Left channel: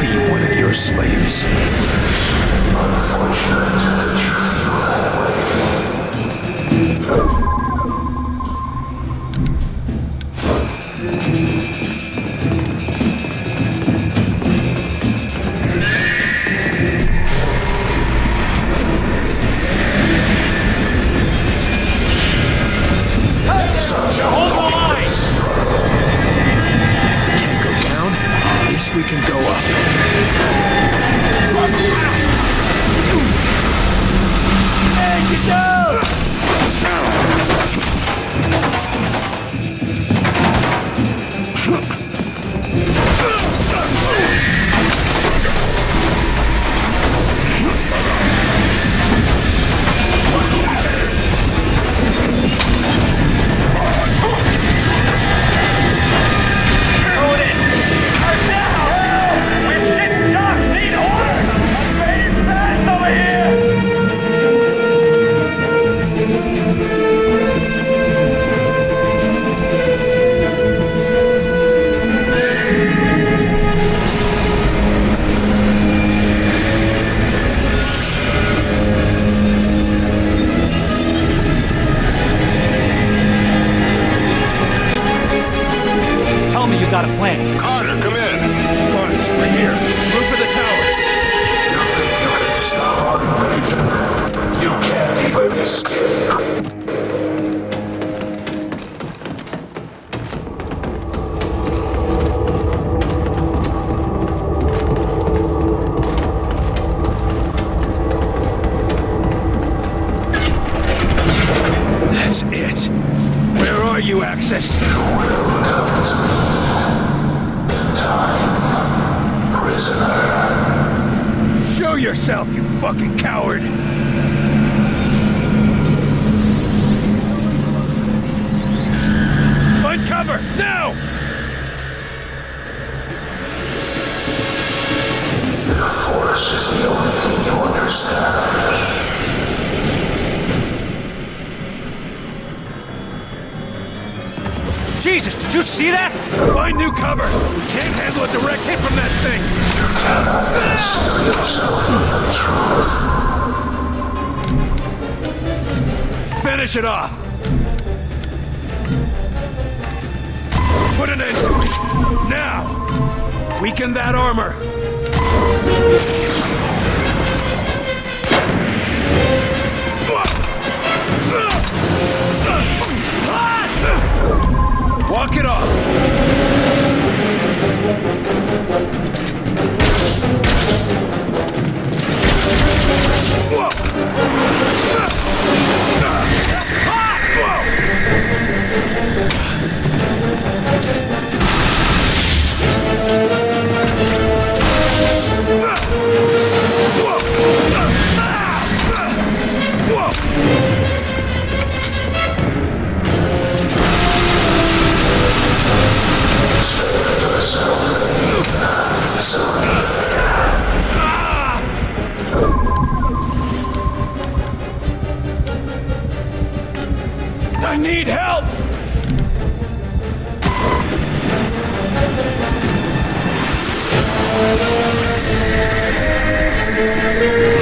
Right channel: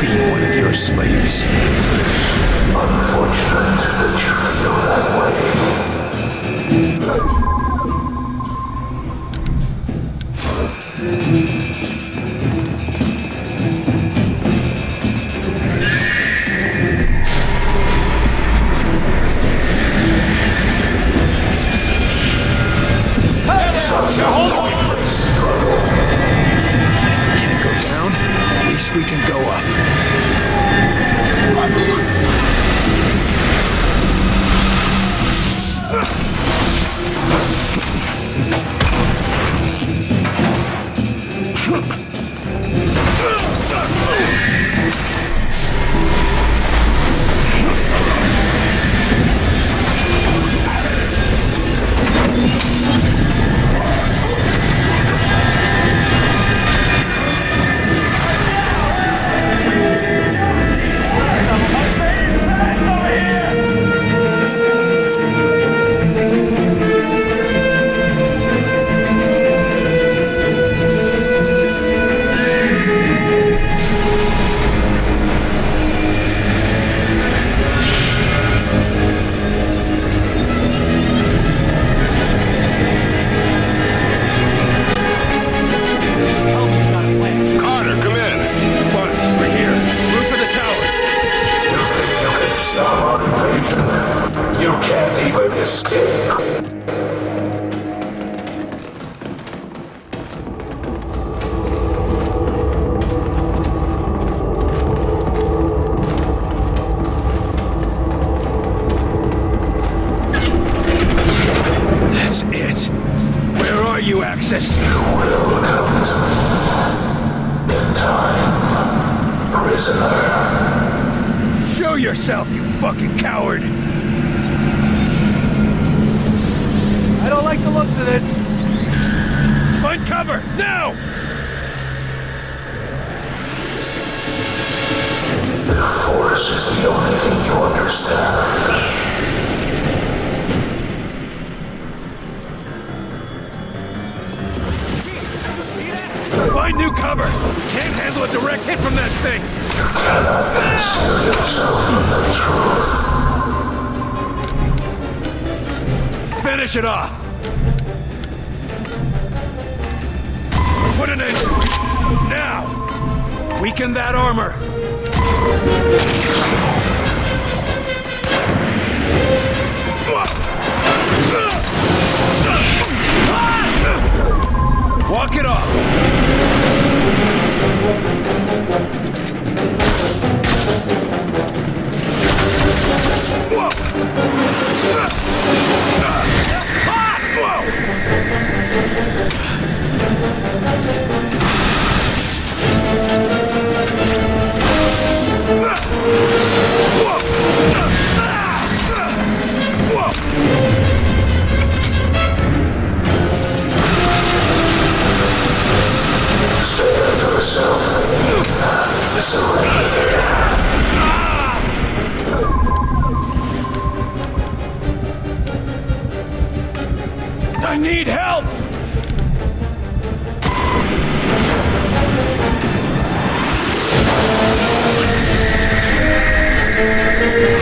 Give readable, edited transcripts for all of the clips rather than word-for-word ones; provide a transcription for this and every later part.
Be one of your slaves. It is unfortunate that you feel that way. Such a pointless struggle. If we can't go down, at least we can go up. You can't even escape. That's it. Where are you, Axis? You will come to me. In time, prisoner. Show yourself, you fucking coward! I don't like the looks of this. Find cover, now! The Force is the only thing you understand. Jesus, did you see that? Find new cover! We can't handle a direct hit from that thing! You cannot conceal yourself from the truth. Finish it off! Put an end to it! Now! Weaken that armor! Walk it off! Whoa! Hot! Whoa! Whoa! Stand yourself, Marin. Surrender. I need help!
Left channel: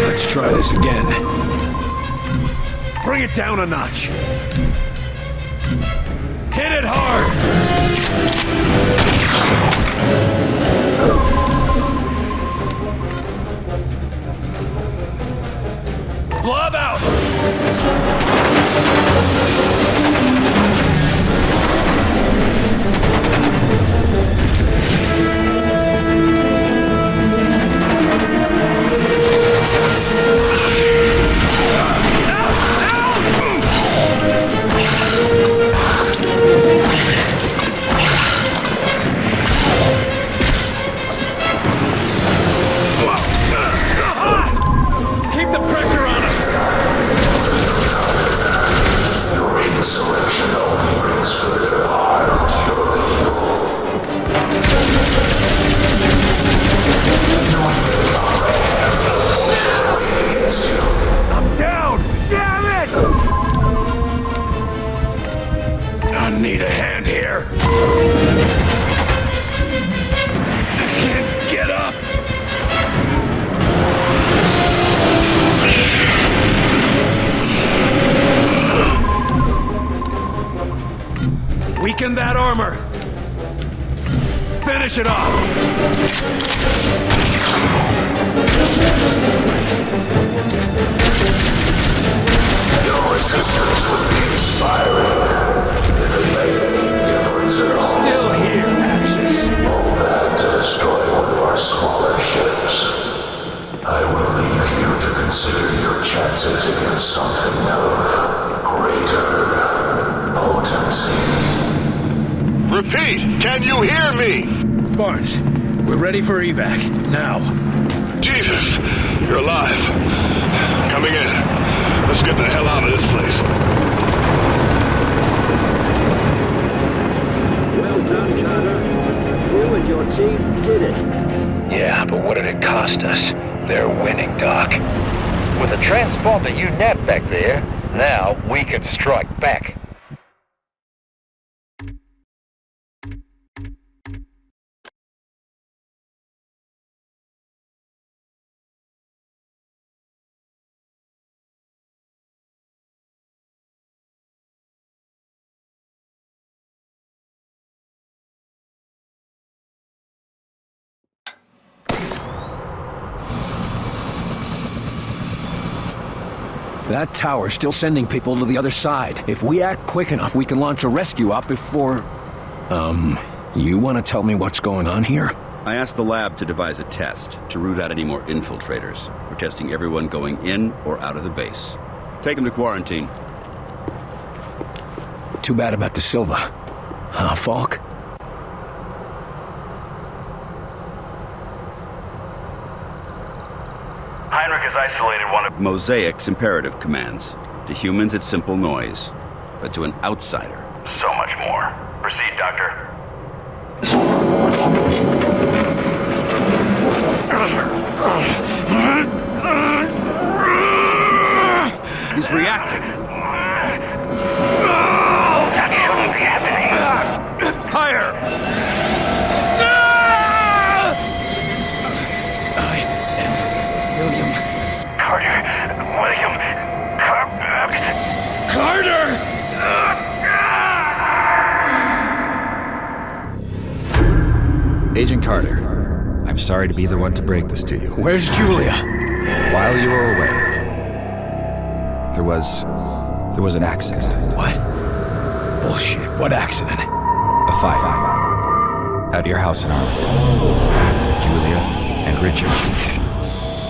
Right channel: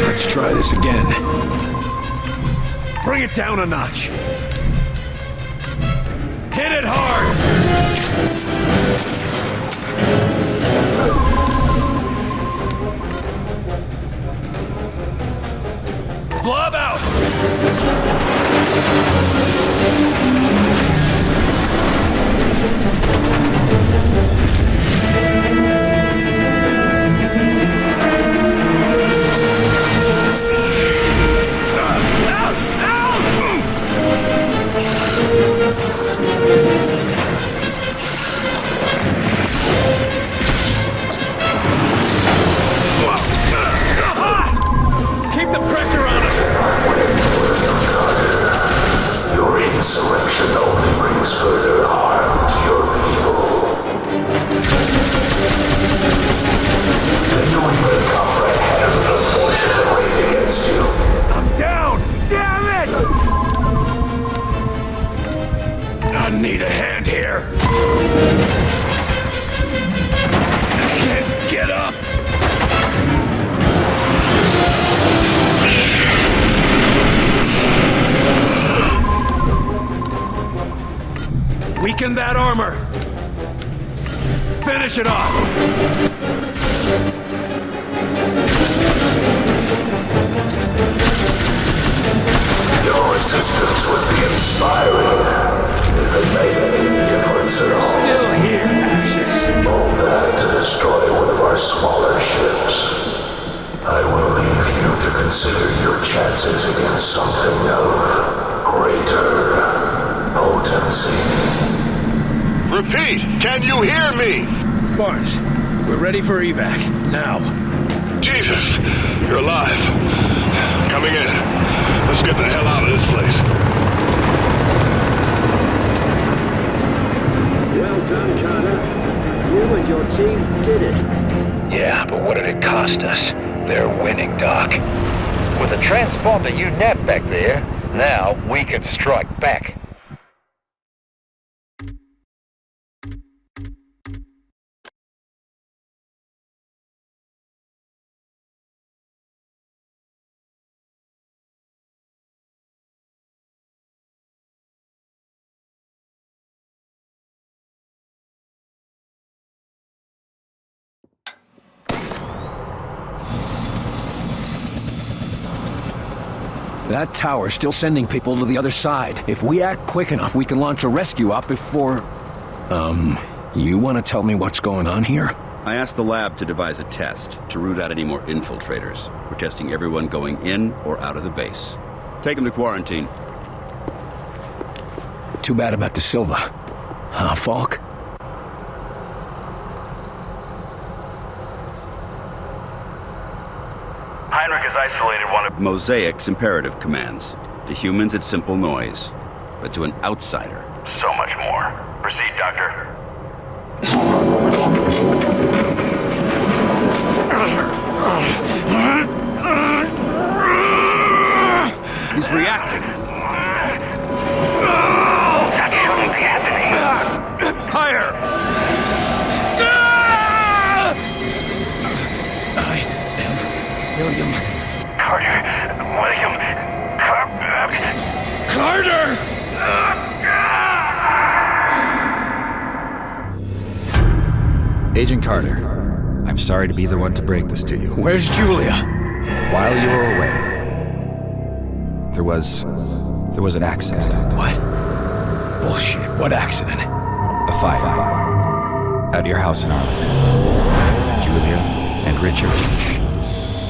Let's try this again. Bring it down a notch. Hit it hard! Blob out! Keep the pressure on him! Your insurrection only brings further harm to your people. The New England comprehend the forces arrayed against you. I'm down! Damn it! I need a hand here. I can't get up. Weaken that armor. Finish it off. Your resistance would be inspiring, if it made any difference at all. Still here, Axis. All that to destroy one of our smaller ships. I will leave you to consider your chances against something of greater potency. Repeat, can you hear me? Barnes, we're ready for evac. Now. Jesus, you're alive. Coming in. Let's get the hell out of this place. Well done, Carter. You and your team did it. Yeah, but what did it cost us? They're winning, Doc. With a transponder you nabbed back there, now we can strike back. That tower's still sending people to the other side. If we act quick enough, we can launch a rescue op before... You want to tell me what's going on here? I asked the lab to devise a test to root out any more infiltrators. We're testing everyone going in or out of the base. Take them to quarantine. Too bad about De Silva. Huh, Falk? Heinrich has isolated one of... Mosaic's imperative commands. To humans, it's simple noise. But to an outsider... So much more. Proceed, Doctor. He's reacting. That shouldn't be happening. Higher! I am William Carter. William. Carter! Agent Carter, I'm sorry to be the one to break this to you. Where's Julia? While you were away, there was an accident. What? Bullshit. What accident? A fire. At your house in Arlington. Julia and Richard.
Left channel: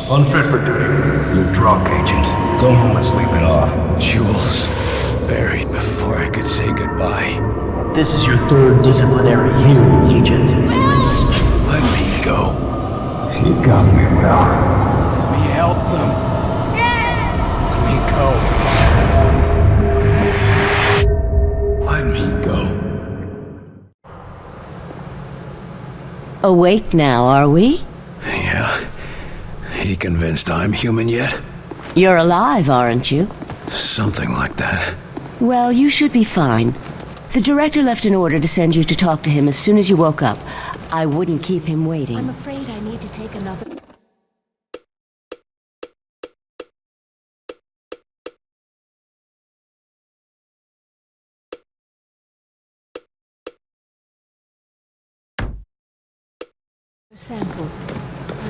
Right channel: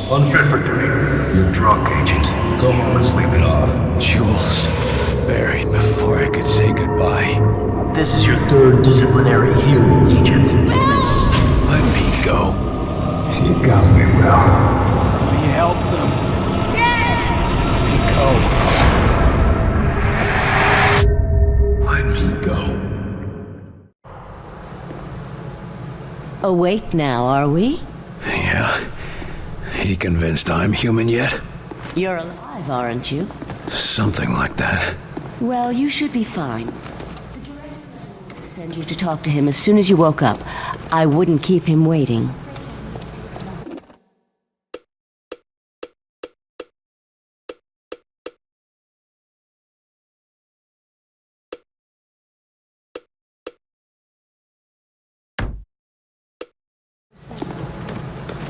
Unfit for duty. You're drunk, Agent. Go home and sleep it off. Jules. Buried before I could say goodbye. This is your third disciplinary hearing, Agent. Let me go. You got me, Will. Let me help them. Let me go. Let me go. Awake now, are we? Yeah. He convinced I'm human yet? You're alive, aren't you? Something like that. Well, you should be fine. The director left an order to send you to talk to him. I wouldn't keep him waiting. I'm afraid I need to take another...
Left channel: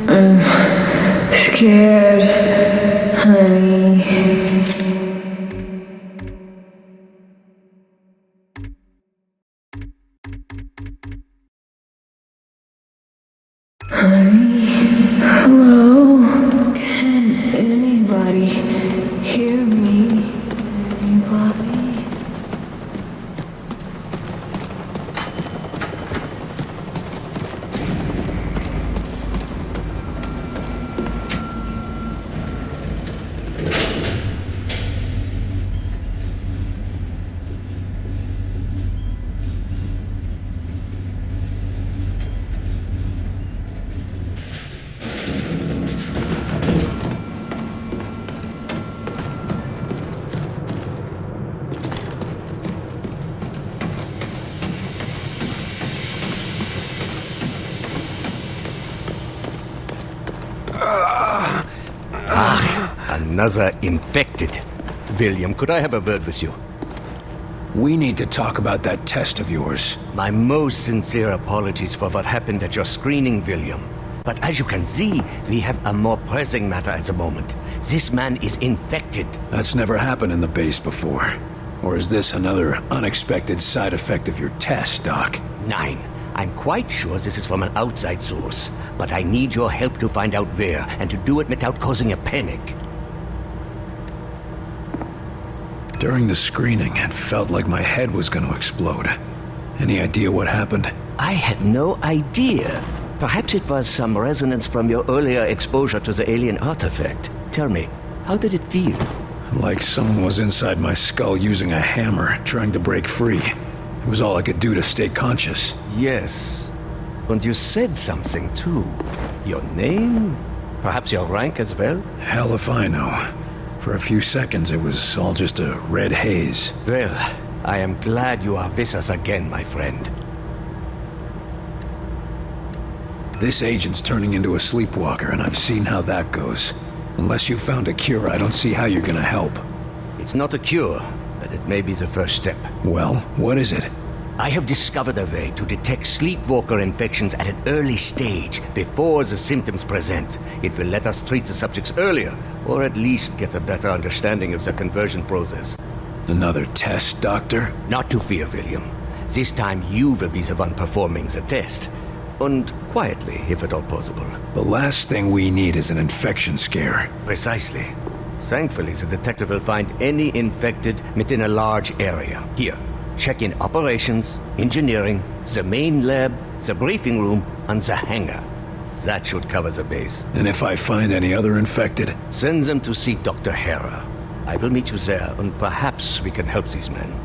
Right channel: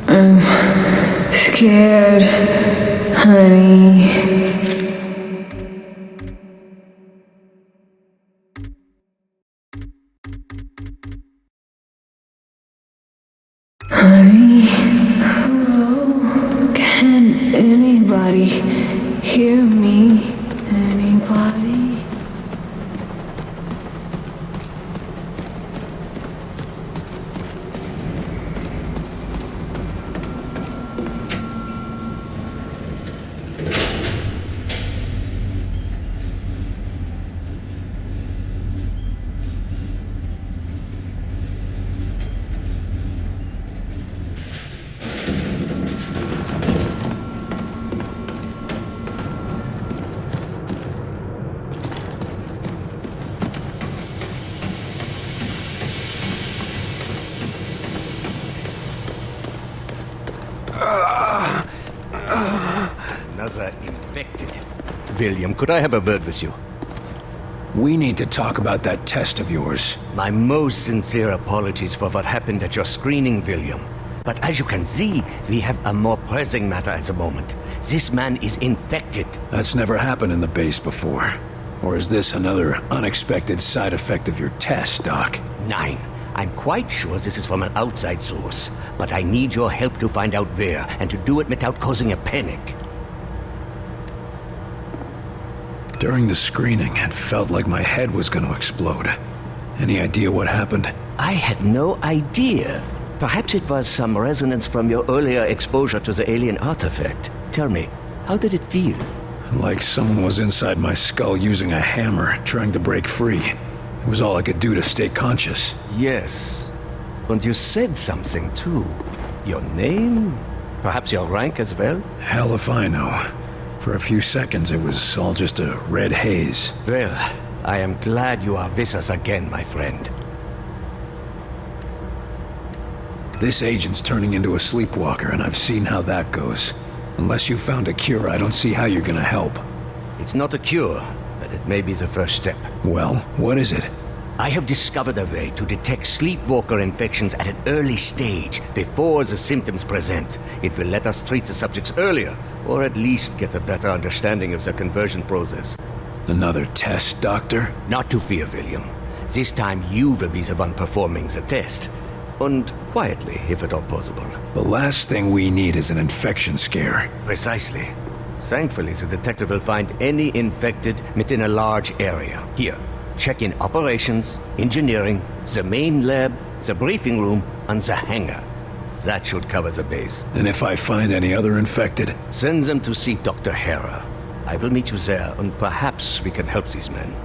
I'm scared, honey. Honey, hello? Can anybody hear me anymore? Another infected. William, could I have a word with you? We need to talk about that test of yours. My most sincere apologies for what happened at your screening, William. But as you can see, we have a more pressing matter at the moment. This man is infected. That's never happened in the base before. Or is this another unexpected side effect of your test, Doc? Nine. I'm quite sure this is from an outside source, but I need your help to find out where, and to do it without causing a panic. During the screening, it felt like my head was going to explode. Any idea what happened? I have no idea. Perhaps it was some resonance from your earlier exposure to the alien artifact. Tell me, how did it feel? Like someone was inside my skull using a hammer, trying to break free. It was all I could do to stay conscious. Yes. And you said something, too. Your name? Perhaps your rank as well? Hell if I know. For a few seconds, it was all just a red haze. Well, I am glad you are with us again, my friend. This agent's turning into a sleepwalker, and I've seen how that goes. Unless you found a cure, I don't see how you're gonna help. It's not a cure, but it may be the first step. Well, what is it? I have discovered a way to detect sleepwalker infections at an early stage, before the symptoms present. It will let us treat the subjects earlier, or at least get a better understanding of the conversion process. Another test, Doctor? Not to fear, William. This time you will be the one performing the test. And quietly, if at all possible. The last thing we need is an infection scare. Precisely. Thankfully, the detective will find any infected within a large area. Here, check in operations, engineering, the main lab, the briefing room, and the hangar. That should cover the base. And if I find any other infected? Send them to see Dr. Hera. I will meet you there, and perhaps we can help these men.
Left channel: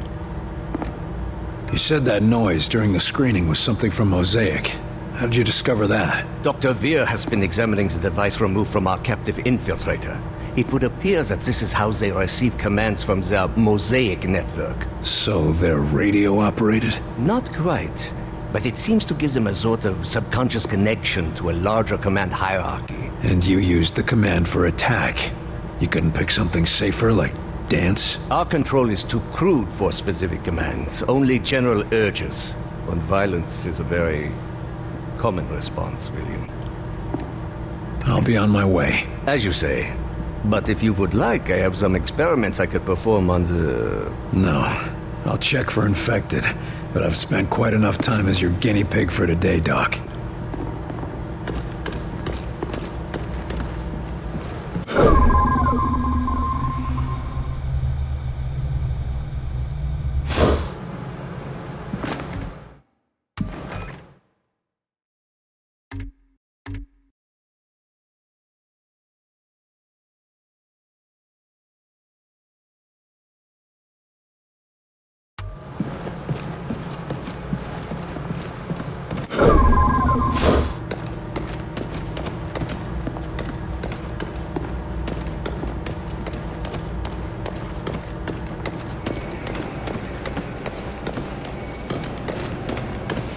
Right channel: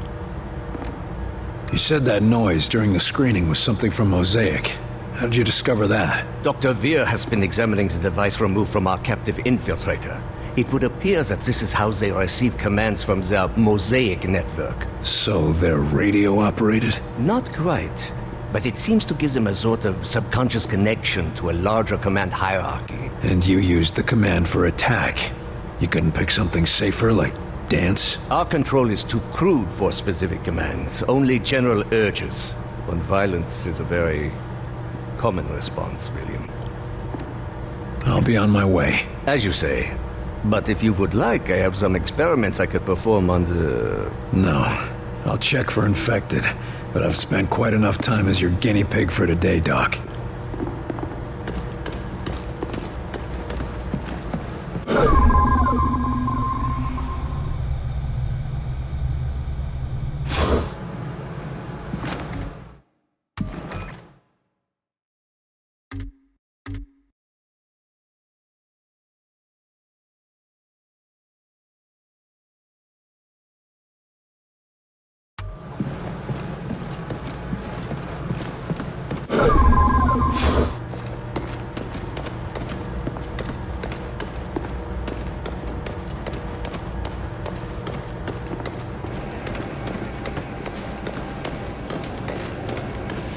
You said that noise during the screening was something from Mosaic. How did you discover that? Dr. Veer has been examining the device removed from our captive infiltrator. It would appear that this is how they receive commands from their Mosaic network. So they're radio-operated? Not quite, but it seems to give them a sort of subconscious connection to a larger command hierarchy. And you used the command for attack. You couldn't pick something safer, like dance? Our control is too crude for specific commands, only general urges. And violence is a very common response, William. I'll be on my way. As you say. But if you would like, I have some experiments I could perform on the... No. I'll check for infected, but I've spent quite enough time as your guinea pig for today, Doc.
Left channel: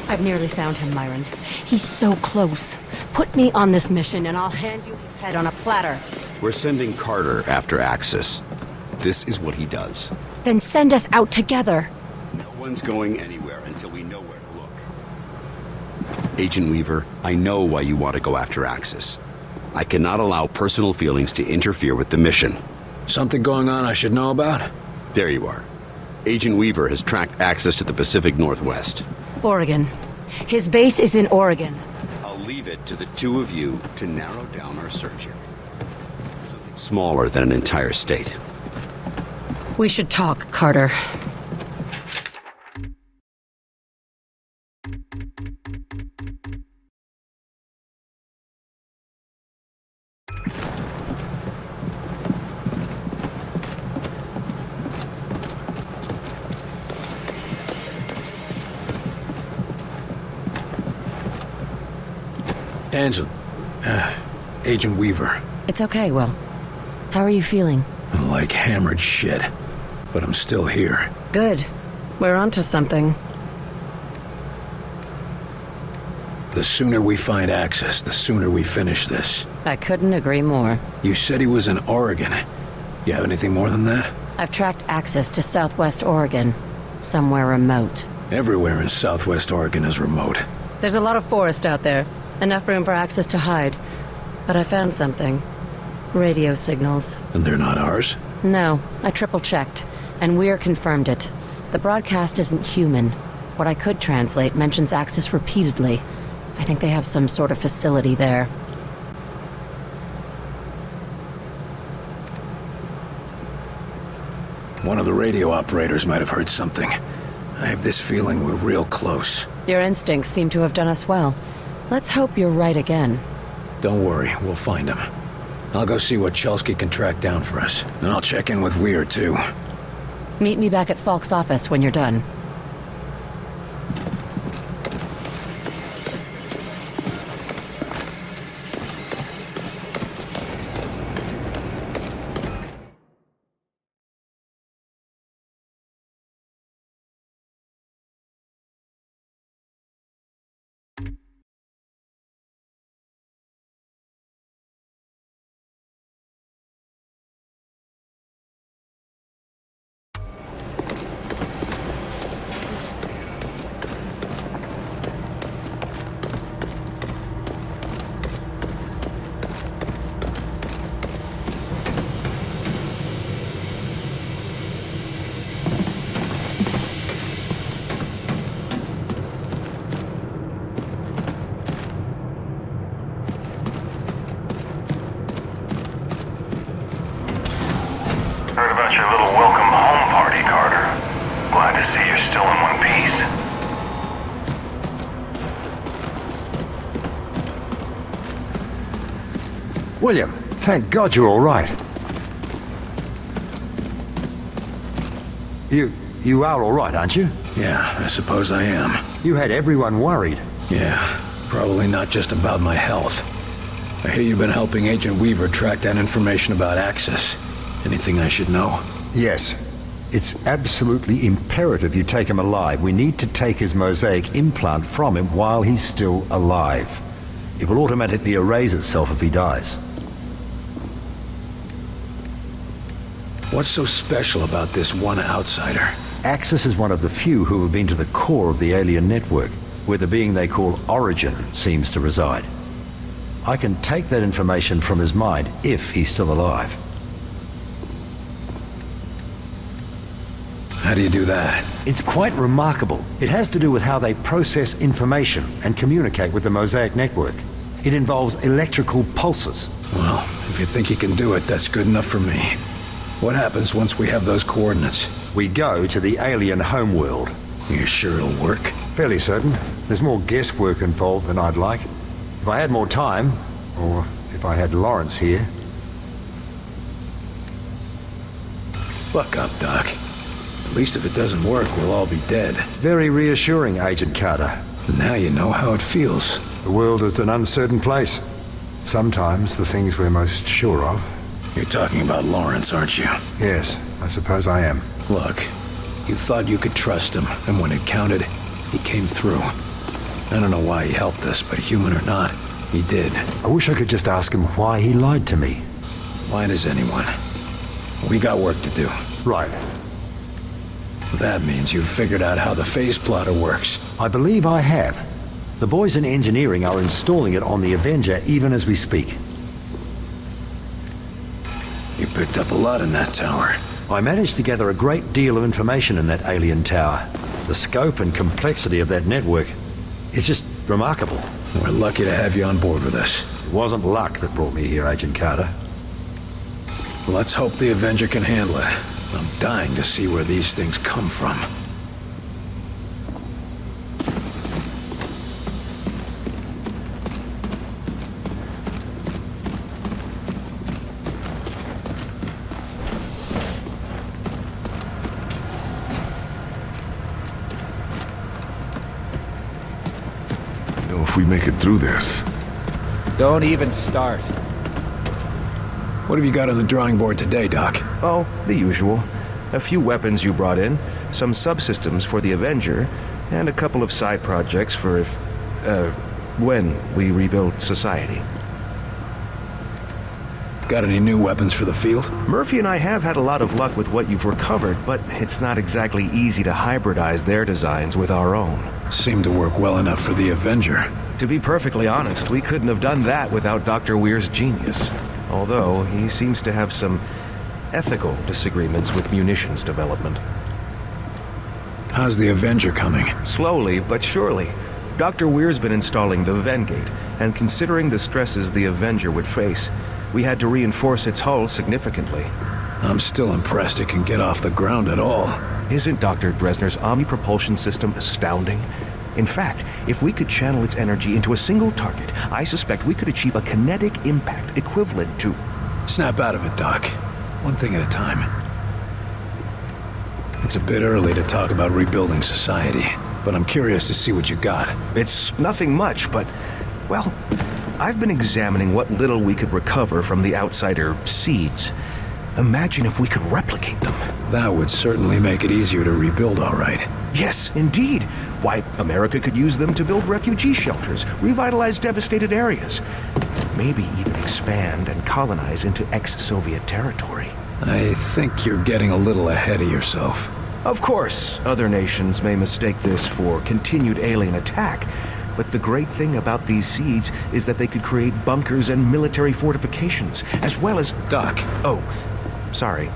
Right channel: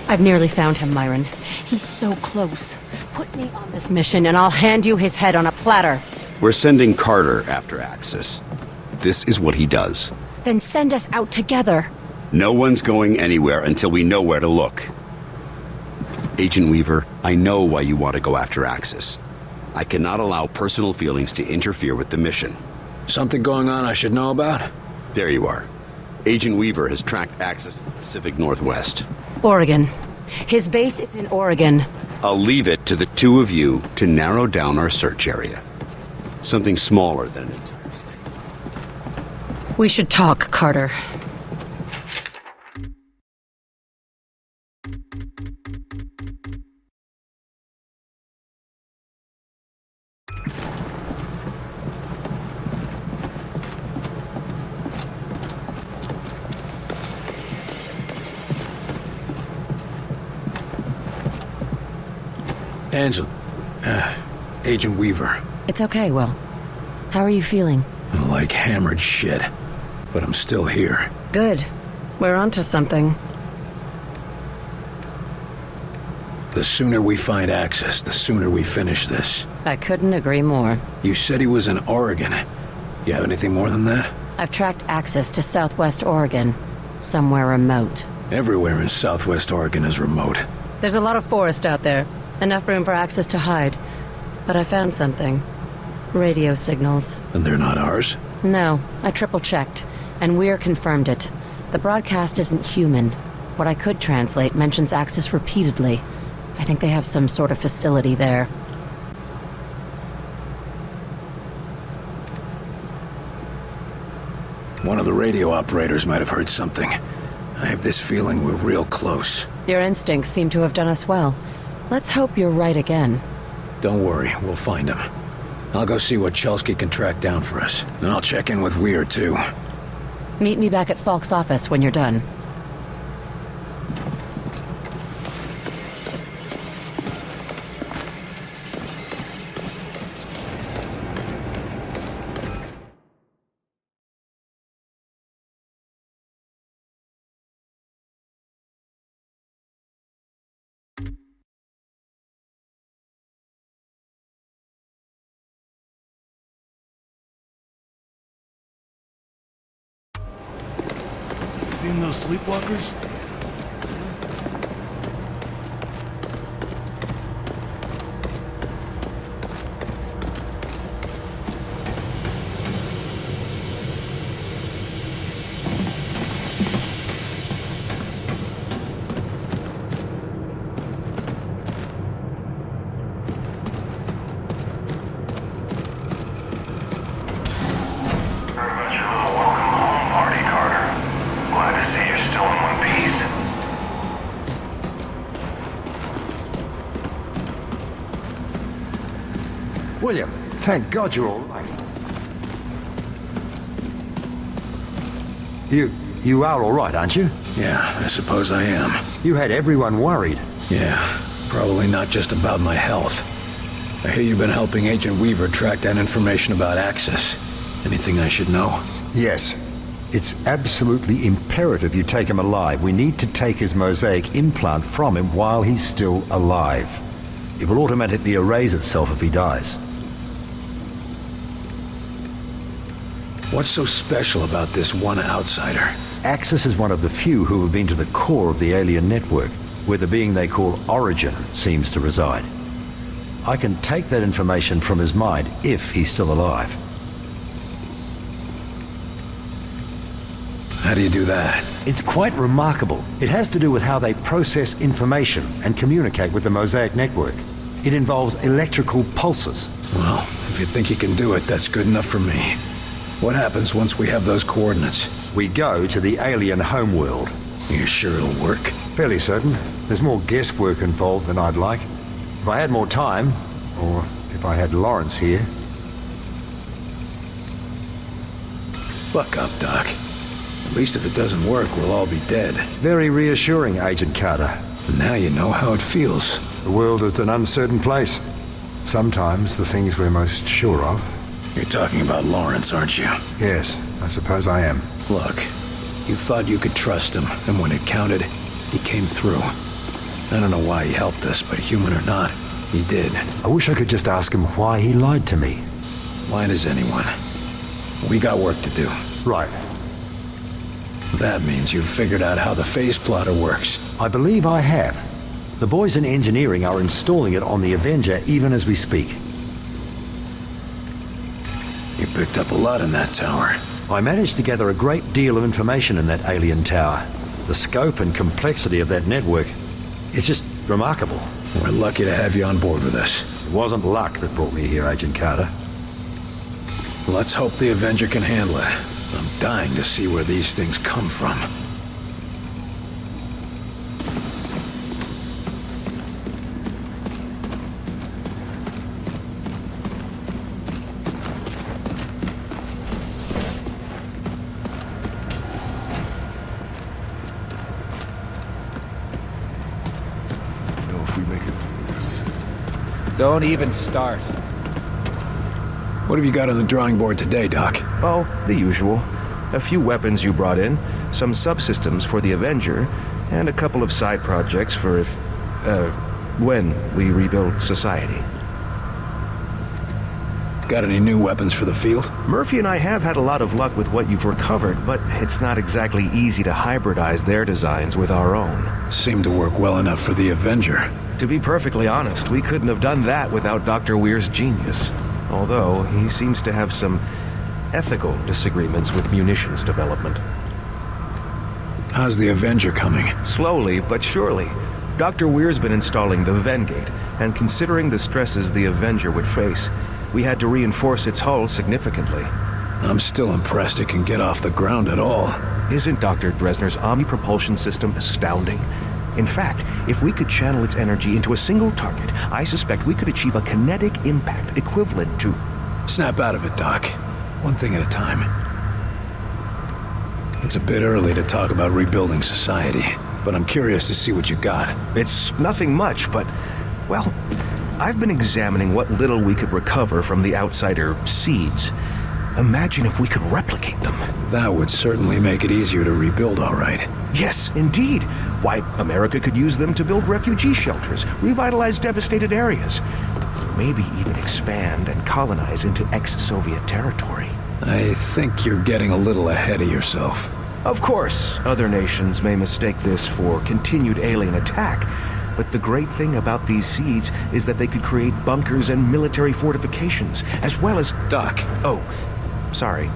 I've nearly found him, Marin. He's so close. Put me on this mission and I'll hand you his head on a platter. We're sending Carter after Axis. This is what he does. Then send us out together. No one's going anywhere until we know where to look. Agent Weaver, I know why you want to go after Axis. I cannot allow personal feelings to interfere with the mission. Something going on I should know about? There you are. Agent Weaver has tracked Axis to the Pacific Northwest. Oregon. His base is in Oregon. I'll leave it to the two of you to narrow down our search area. Something smaller than an entire state. We should talk, Carter. Angela, Agent Weaver. It's okay, Will. How are you feeling? Like hammered shit. But I'm still here. Good. We're onto something. The sooner we find access, the sooner we finish this. I couldn't agree more. You said he was in Oregon. You have anything more than that? I've tracked access to Southwest Oregon. Somewhere remote. Everywhere in Southwest Oregon is remote. There's a lot of forest out there. Enough room for access to hide. But I found something. Radio signals. And they're not ours? No, I triple-checked. And Weir confirmed it. The broadcast isn't human. What I could translate mentions access repeatedly. I think they have some sort of facility there. One of the radio operators might have heard something. I have this feeling we're real close. Your instincts seem to have done us well. Let's hope you're right again. Don't worry, we'll find him. I'll go see what Chelsky can track down for us. And I'll check in with Weir, too. Meet me back at Falk's office when you're done. Seeing those sleepwalkers? Heard about your little welcome home party, Carter. Glad to see you're still in one piece. William, thank God you're all right. You are all right, aren't you? Yeah, I suppose I am. You had everyone worried. Yeah, probably not just about my health. I hear you've been helping Agent Weaver track down information about Axis. Anything I should know? Yes. It's absolutely imperative you take him alive. We need to take his mosaic implant from him while he's still alive. It will automatically erase itself if he dies. What's so special about this one outsider? Axis is one of the few who have been to the core of the alien network, where the being they call Origin seems to reside. I can take that information from his mind if he's still alive. How do you do that? It's quite remarkable. It has to do with how they process information and communicate with the Mosaic network. It involves electrical pulses. Well, if you think you can do it, that's good enough for me. What happens once we have those coordinates? We go to the alien homeworld. You sure it'll work? Fairly certain. There's more guesswork involved than I'd like. If I had more time, or if I had Lawrence here... Buck up, Doc. At least if it doesn't work, we'll all be dead. Very reassuring, Agent Carter. Now you know how it feels. The world is an uncertain place. Sometimes the things we're most sure of... You're talking about Lawrence, aren't you? Yes, I suppose I am. Look, you thought you could trust him, and when it counted, he came through. I don't know why he helped us, but human or not, he did. I wish I could just ask him why he lied to me. Why does anyone? We got work to do. Right. That means you've figured out how the phase plotter works. I believe I have. The boys in engineering are installing it on the Avenger even as we speak. You picked up a lot in that tower. I managed to gather a great deal of information in that alien tower. The scope and complexity of that network is just remarkable. We're lucky to have you on board with us. It wasn't luck that brought me here, Agent Carter. Let's hope the Avenger can handle it. I'm dying to see where these things come from. If we make it through this. What have you got on the drawing board today, Doc? Oh, the usual. A few weapons you brought in, some subsystems for the Avenger, and a couple of side projects for when we rebuild society. Got any new weapons for the field? Murphy and I have had a lot of luck with what you've recovered, but it's not exactly easy to hybridize their designs with our own. Seemed to work well enough for the Avenger. To be perfectly honest, we couldn't have done that without Dr. Weir's genius. Although, he seems to have some ethical disagreements with munitions development. How's the Avenger coming? Slowly, but surely. Dr. Weir's been installing the Vengate, and considering the stresses the Avenger would face, we had to reinforce its hull significantly. I'm still impressed it can get off the ground at all. Isn't Dr. Dresner's omni-propulsion system astounding? In fact, if we could channel its energy into a single target, I suspect we could achieve a kinetic impact equivalent to... Snap out of it, Doc. One thing at a time. It's a bit early to talk about rebuilding society, but I'm curious to see what you got. It's nothing much, but, well, I've been examining what little we could recover from the outsider seeds. Imagine if we could replicate them. That would certainly make it easier to rebuild, all right. Yes, indeed. Why, America could use them to build refugee shelters, revitalize devastated areas, maybe even expand and colonize into ex-Soviet territory. I think you're getting a little ahead of yourself. Of course, other nations may mistake this for continued alien attack, but the great thing about these seeds is that they could create bunkers and military fortifications, as well as... Doc. Oh, sorry.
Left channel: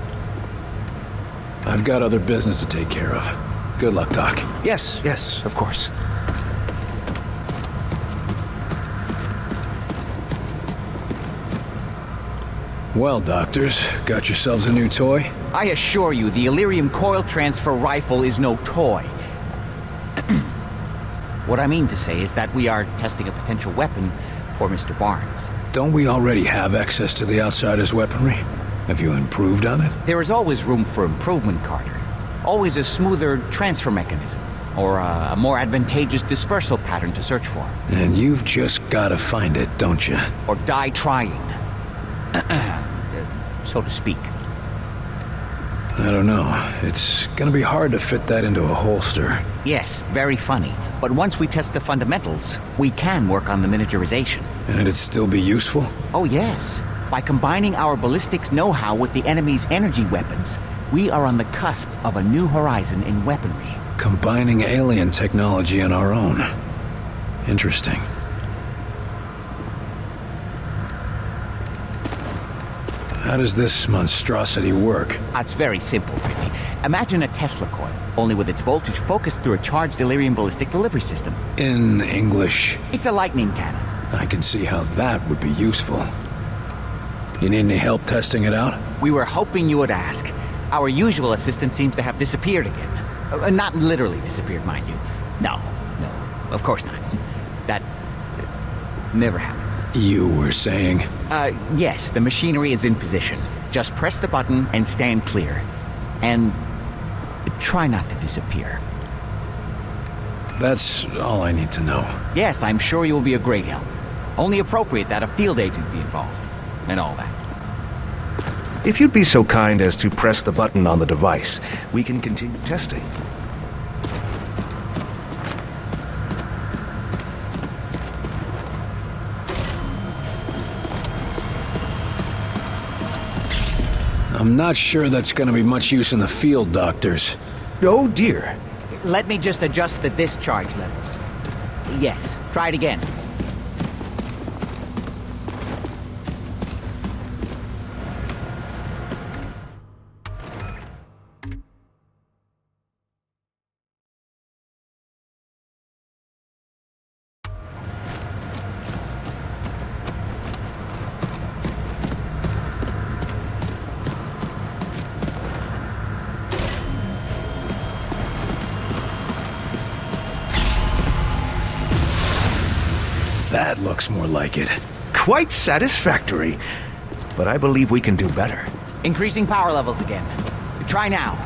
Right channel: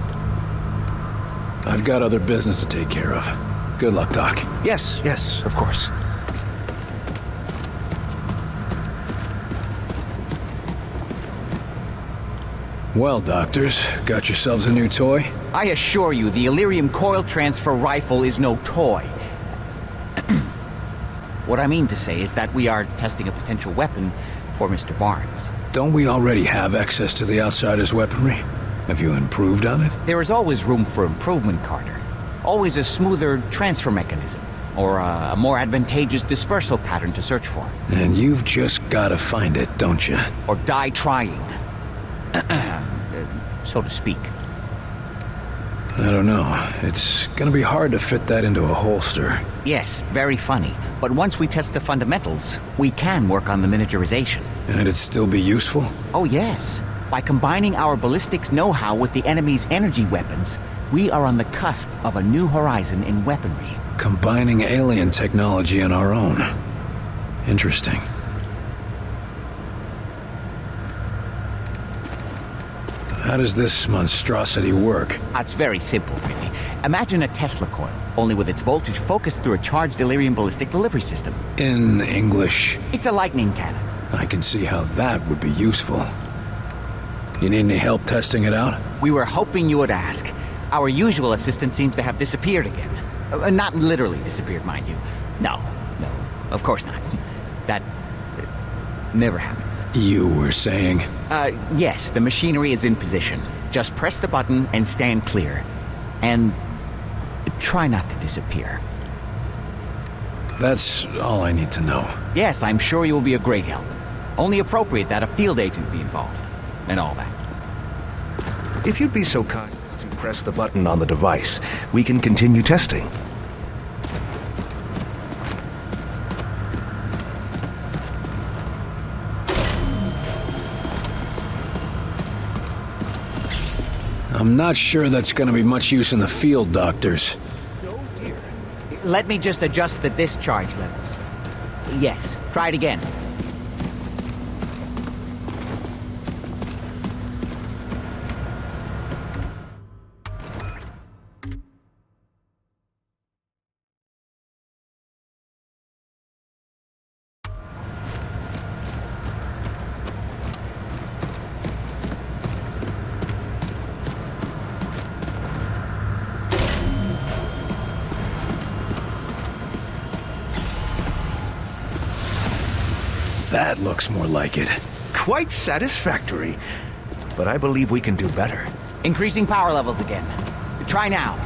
I've got other business to take care of. Good luck, Doc. Yes, of course. Well, doctors, got yourselves a new toy? I assure you, the Illyrium coil transfer rifle is no toy. What I mean to say is that we are testing a potential weapon for Mr. Barnes. Don't we already have access to the Outsider's weaponry? Have you improved on it? There is always room for improvement, Carter. Always a smoother transfer mechanism, or a more advantageous dispersal pattern to search for. And you've just gotta find it, don't you? Or die trying. So to speak. I don't know. It's gonna be hard to fit that into a holster. Yes, very funny. But once we test the fundamentals, we can work on the miniaturization. And it'd still be useful? Oh yes. By combining our ballistics know-how with the enemy's energy weapons, we are on the cusp of a new horizon in weaponry. Combining alien technology and our own. Interesting. How does this monstrosity work? It's very simple, really. Imagine a Tesla coil, only with its voltage focused through a charged Illyrium ballistic delivery system. In English? It's a lightning cannon. I can see how that would be useful. You need any help testing it out? We were hoping you would ask. Our usual assistant seems to have disappeared again. Not literally disappeared, mind you. No, of course not. That never happens. You were saying? Yes, the machinery is in position. Just press the button and stand clear. And try not to disappear. That's all I need to know. Yes, I'm sure you will be a great help. Only appropriate that a field agent be involved. And all that. If you'd be so kind as to press the button on the device, we can continue testing. I'm not sure that's gonna be much use in the field, doctors. Oh dear. Let me just adjust the discharge levels. Yes, try it again. That looks more like it. Quite satisfactory. But I believe we can do better. Increasing power levels again. Try now.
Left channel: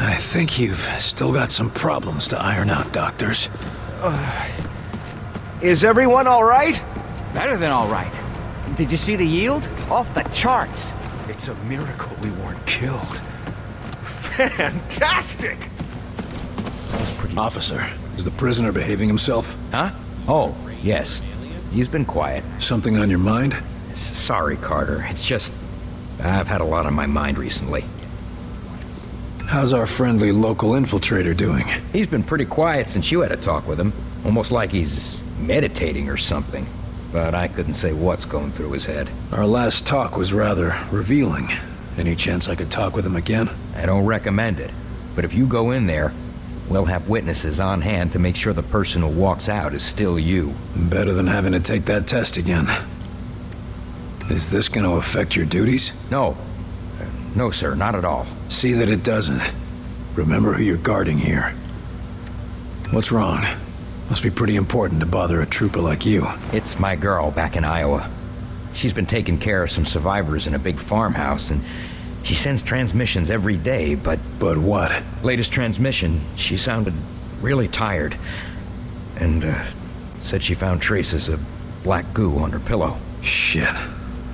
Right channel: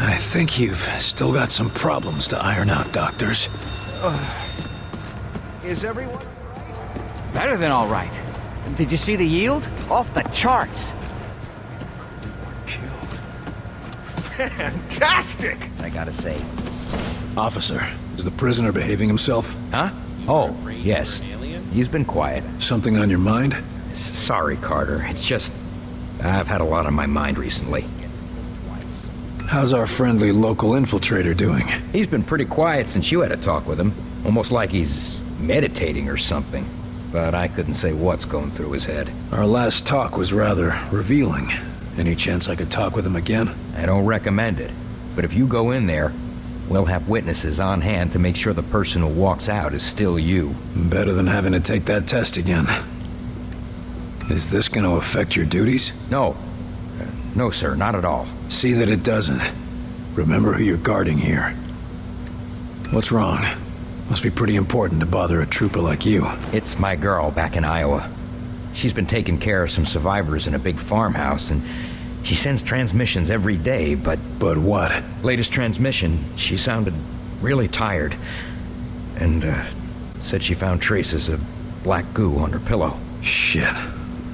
I think you've still got some problems to iron out, doctors. Is everyone all right? Better than all right. Did you see the yield? Off the charts. It's a miracle we weren't killed. Fantastic! I gotta say. Officer, is the prisoner behaving himself? Huh? Oh, yes. He's been quiet. Something on your mind? Sorry, Carter. It's just... I've had a lot on my mind recently. How's our friendly local infiltrator doing? He's been pretty quiet since you had a talk with him. Almost like he's meditating or something. But I couldn't say what's going through his head. Our last talk was rather revealing. Any chance I could talk with him again? I don't recommend it. But if you go in there, we'll have witnesses on hand to make sure the person who walks out is still you. Better than having to take that test again. Is this going to affect your duties? No. No, sir, not at all. See that it doesn't. Remember who you're guarding here. What's wrong? Must be pretty important to bother a trooper like you. It's my girl back in Iowa. She's been taking care of some survivors in a big farmhouse, and she sends transmissions every day, but... But what? Latest transmission, she sounded really tired. And, said she found traces of black goo on her pillow. Shit.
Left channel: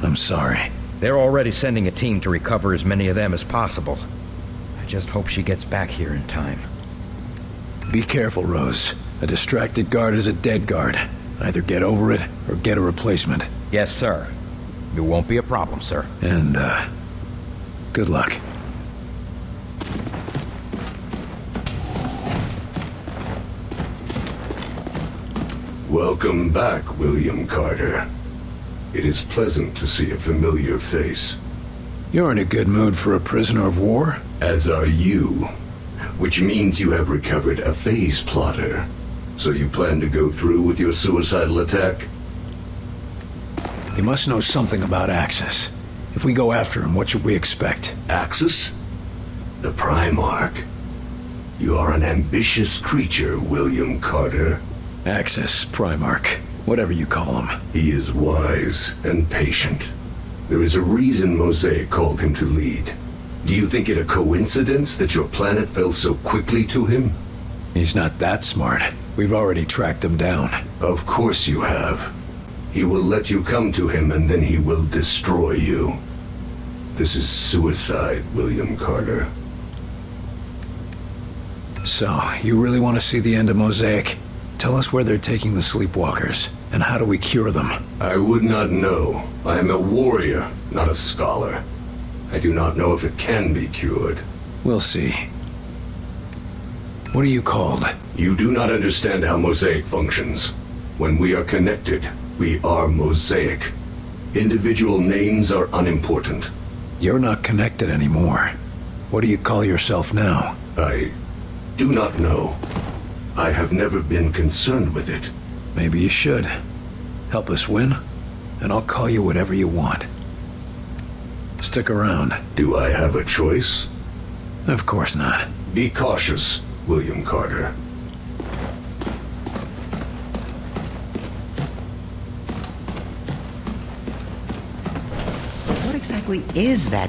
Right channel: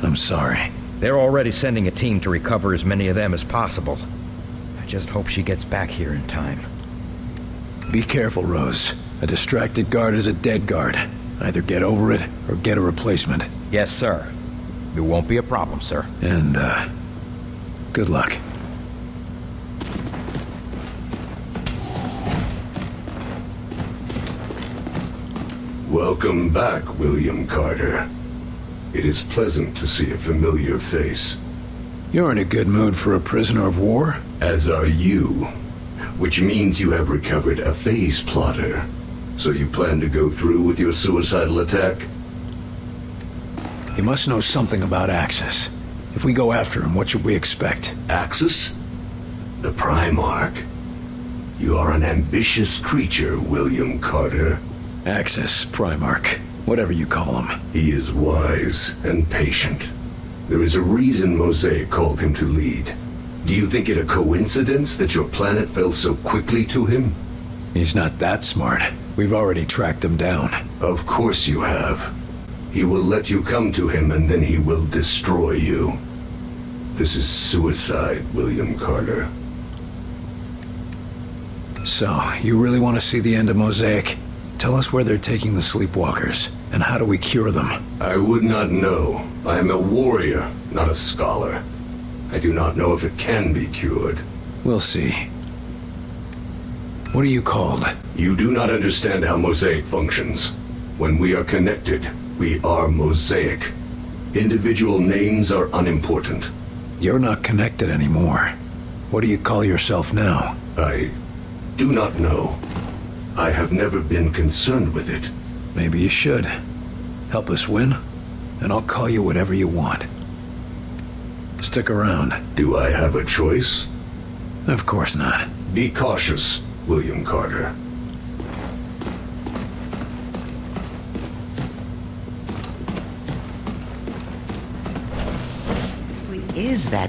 I'm sorry. They're already sending a team to recover as many of them as possible. I just hope she gets back here in time. Be careful, Rose. A distracted guard is a dead guard. Either get over it, or get a replacement. Yes, sir. It won't be a problem, sir. And, good luck. Welcome back, William Carter. It is pleasant to see a familiar face. You're in a good mood for a prisoner of war? As are you. Which means you have recovered a phase plotter. So you plan to go through with your suicidal attack? You must know something about Axis. If we go after him, what should we expect? Axis? The Primarch. You are an ambitious creature, William Carter. Axis, Primarch, whatever you call him. He is wise and patient. There is a reason Mosaic called him to lead. Do you think it a coincidence that your planet fell so quickly to him? He's not that smart. We've already tracked him down. Of course you have. He will let you come to him and then he will destroy you. This is suicide, William Carter. So, you really want to see the end of Mosaic? Tell us where they're taking the sleepwalkers, and how do we cure them? I would not know. I am a warrior, not a scholar. I do not know if it can be cured. We'll see. What are you called? You do not understand how Mosaic functions. When we are connected, we are Mosaic. Individual names are unimportant. You're not connected anymore. What do you call yourself now? I do not know. I have never been concerned with it. Maybe you should. Help us win, and I'll call you whatever you want. Stick around. Do I have a choice? Of course not. Be cautious, William Carter. What exactly is it?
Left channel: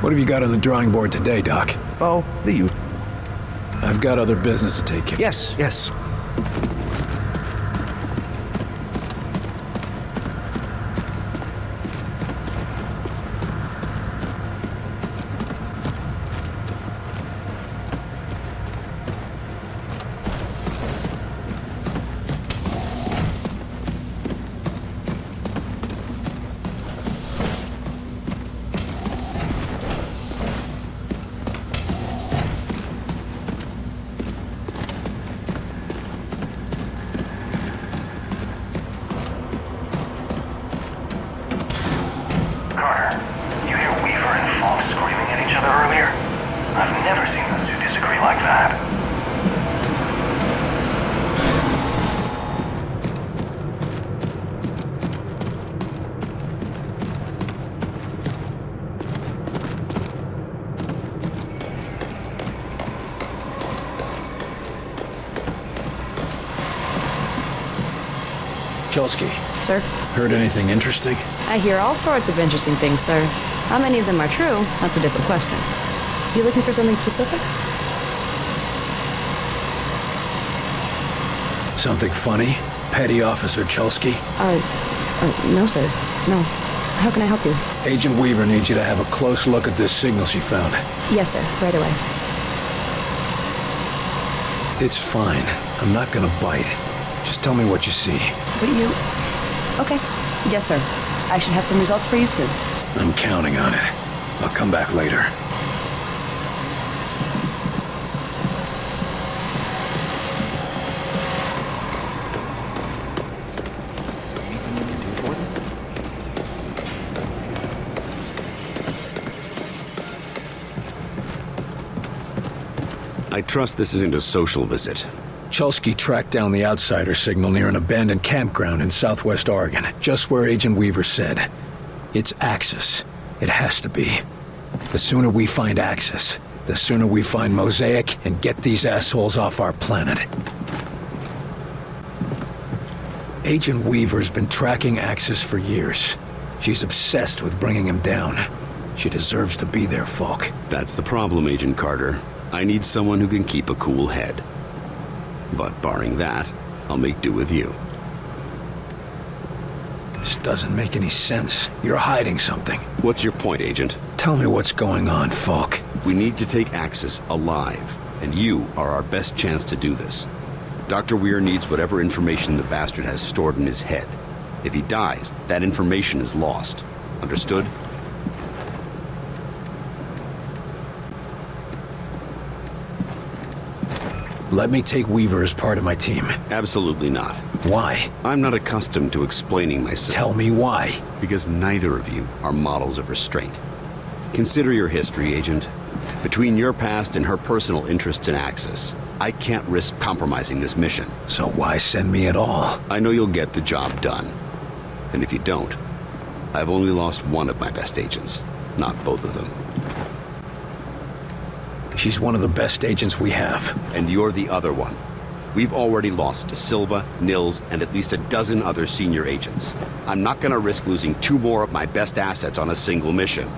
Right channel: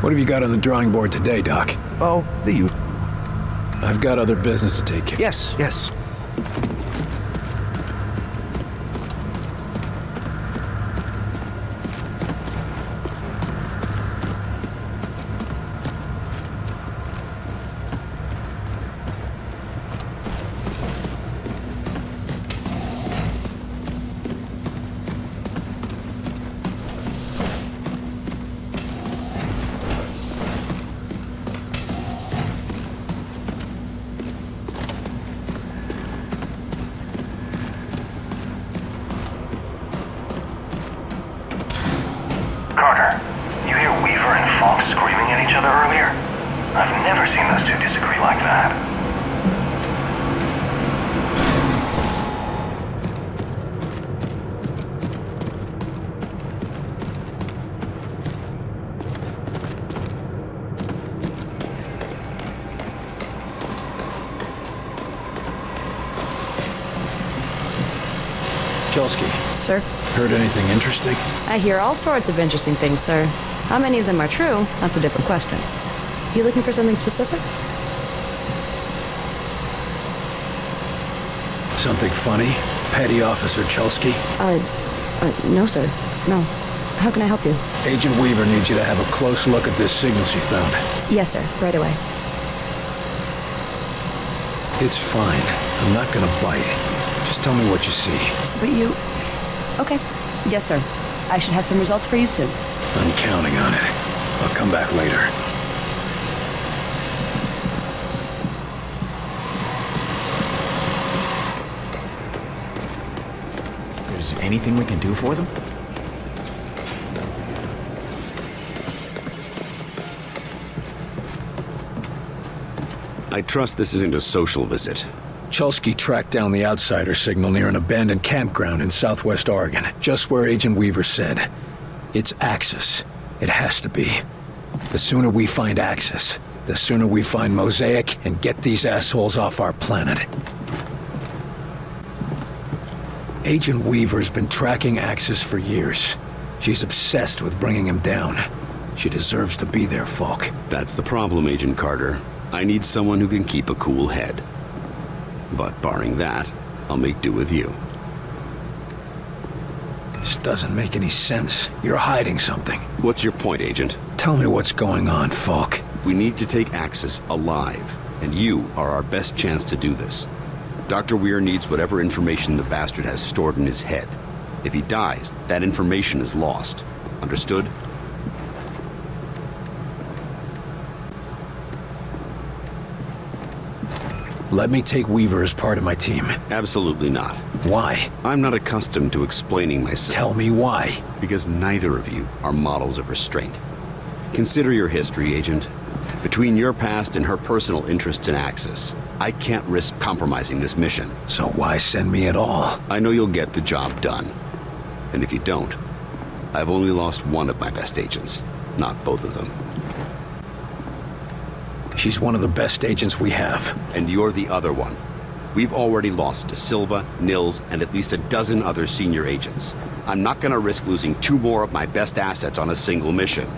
What have you got on the drawing board today, Doc? Oh, the usual. I've got other business to take care of. Yes. that. Chelsky. Sir? Heard anything interesting? I hear all sorts of interesting things, sir. How many of them are true? That's a different question. You looking for something specific? Something funny? Petty Officer Chelsky? No, sir. No. How can I help you? Agent Weaver needs you to have a close look at this signal she found. Yes, sir. Right away. It's fine. I'm not gonna bite. Just tell me what you see. But you... Okay. Yes, sir. I should have some results for you soon. I'm counting on it. I'll come back later. Is there anything we can do for them? I trust this isn't a social visit. Chelsky tracked down the outsider signal near an abandoned campground in southwest Oregon, just where Agent Weaver said. It's Axis. It has to be. The sooner we find Axis, the sooner we find Mosaic and get these assholes off our planet. Agent Weaver's been tracking Axis for years. She's obsessed with bringing him down. She deserves to be there, Falk. That's the problem, Agent Carter. I need someone who can keep a cool head. But barring that, I'll make do with you. This doesn't make any sense. You're hiding something. What's your point, Agent? Tell me what's going on, Falk. We need to take Axis alive, and you are our best chance to do this. Dr. Weir needs whatever information the bastard has stored in his head. If he dies, that information is lost. Understood? Let me take Weaver as part of my team. Absolutely not. Why? I'm not accustomed to explaining myself. Tell me why. Because neither of you are models of restraint. Consider your history, Agent. Between your past and her personal interests in Axis, I can't risk compromising this mission. So why send me at all? I know you'll get the job done. And if you don't, I've only lost one of my best agents, not both of them. She's one of the best agents we have. And you're the other one. We've already lost De Silva, Nils, and at least a dozen other senior agents. I'm not gonna risk losing 2 more of my best assets on a single mission.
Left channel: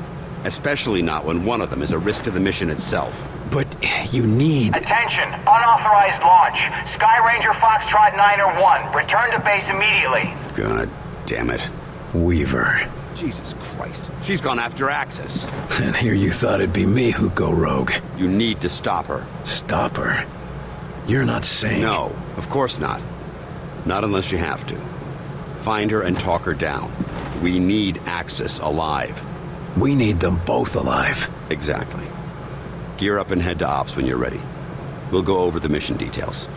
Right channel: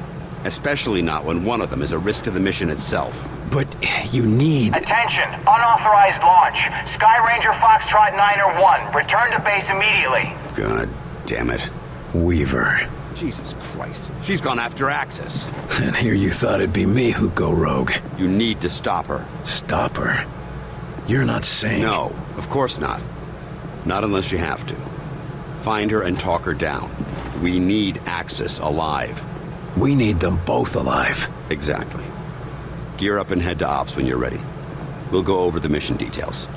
Especially not when one of them is a risk to the mission itself. But you need... Attention! Unauthorized launch. Sky Ranger Foxtrot 901. Return to base immediately. God damn it. Weaver. Jesus Christ. She's gone after Axis. And here you thought it'd be me who'd go rogue. You need to stop her. Stop her? You're not saying... No, of course not. Not unless you have to. Find her and talk her down. We need Axis alive. We need them both alive. Exactly. Gear up and head to Ops when you're ready. We'll go over the mission details.